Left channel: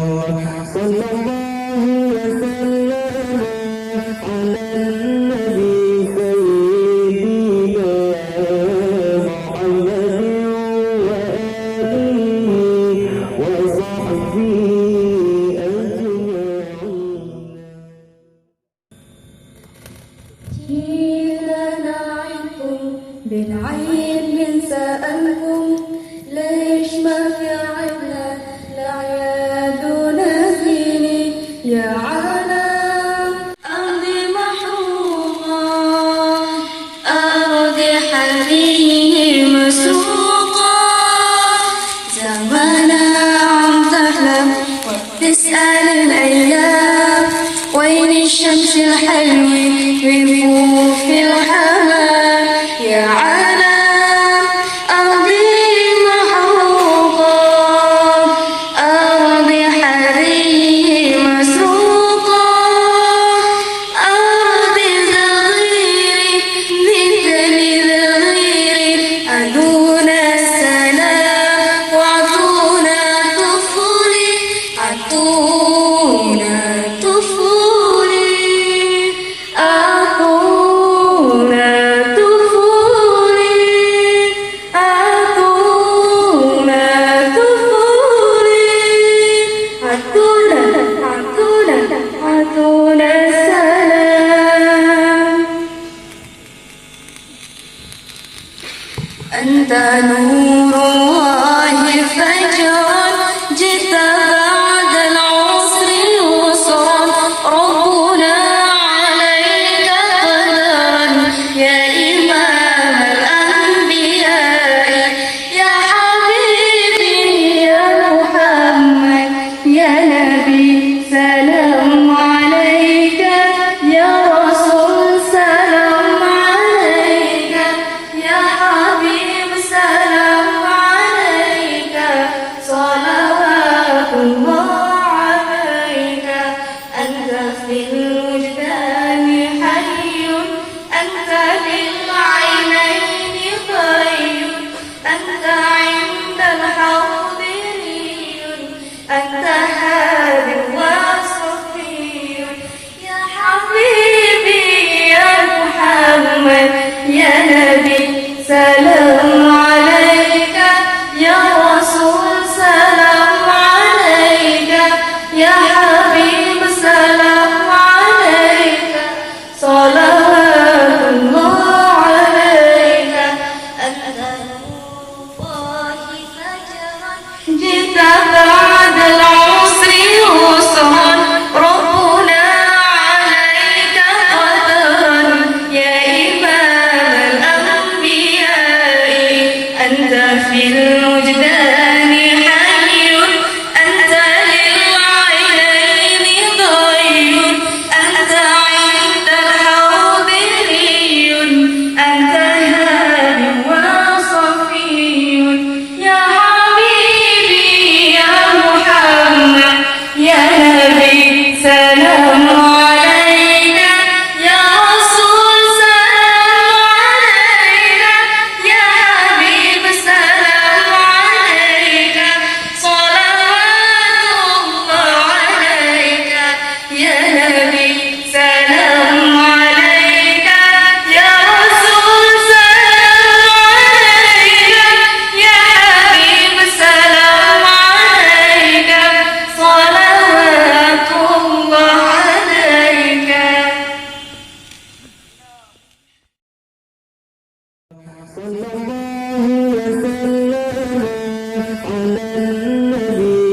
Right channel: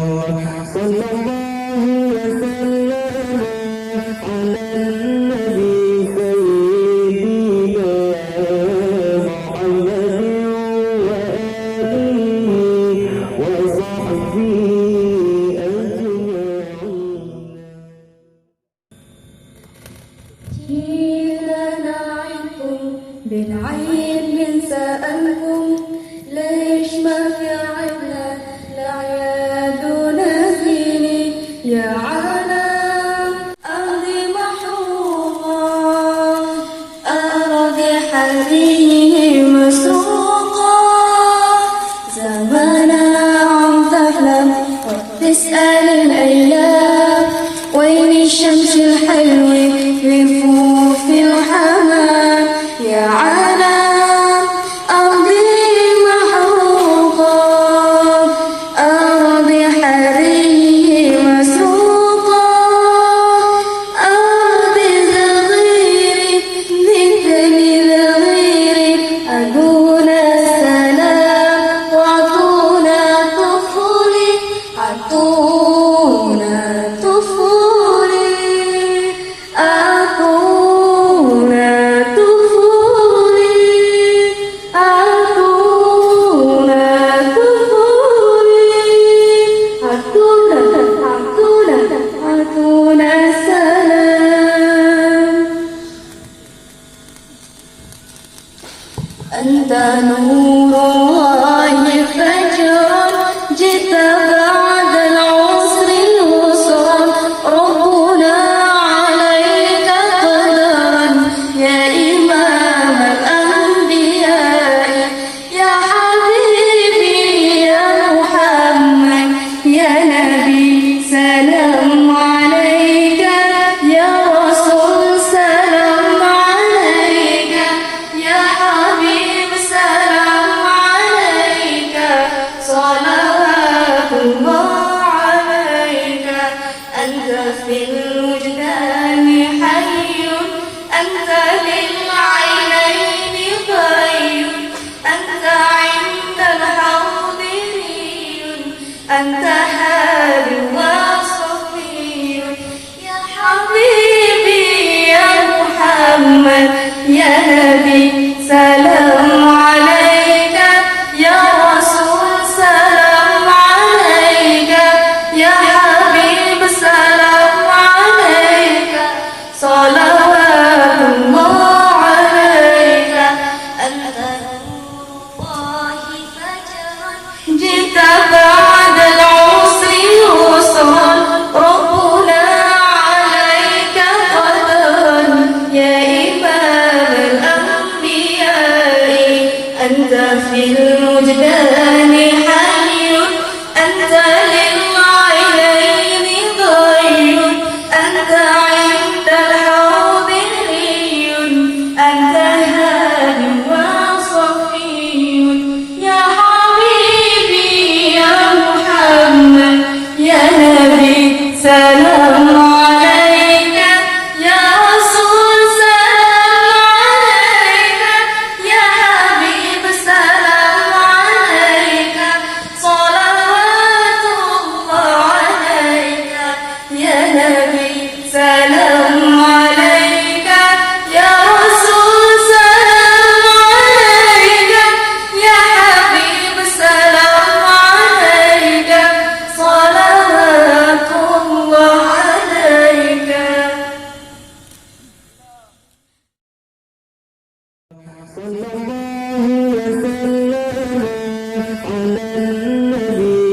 صلى الله وسلم على النبي سيدنا محمد وآله وصحبه أجمعين. جينا نعدكم بنعيد بنسألكم ليش ما في عنا لعيادنا فيني يا عالم أرضي محروقة أراضي حريري مسروقة زمانا عم تحلم وتسأل الأيام وين الشمس الحلوة بنفوف الحمام يا عالم أرضي محروقة أراضي حريري مسروقة أراضي صغيري مثلي لغيري عدونا السلام وعطونا طفولي عطونا طفولي أعطونا طفولي أعطونا طفولي عطونا السلام. أنت نور الله فجر جئت بعد العسر يسرا ربنا عليك قدرا يا إمام الأنبياء يا حبيبي يا محمد يا نبي سلام عليك يا رسول سلام عليك يا حبيب سلام عليك صلوات الله عليك أنت في الوجدان حي أنت للعينين خير أنت عند الحوض أنت هادي وصفي يا حبيبي يا محمد يا نبي سلام عليك يا رسول سلام عليك يا حبيب سلام عليك صلوات الله عليك أنت نور الله فجرا جئت بعد العسر يسرا ربنا عليك قدرا يا إمام الأنبياء أنت في الوجدان حي أنت للعينين ضي أنت عند الحوض أنت هادي وصفي يا حبيبي يا محمد يا نبي سلام عليك يا رسول سلام عليك يا حبيب سلام عليك صلوات الله عليك يا نبي سلام عليك يا رسول سلام عليك يا حبيب سلام عليك صلوات الله عليك. صلى الله وسلم على النبي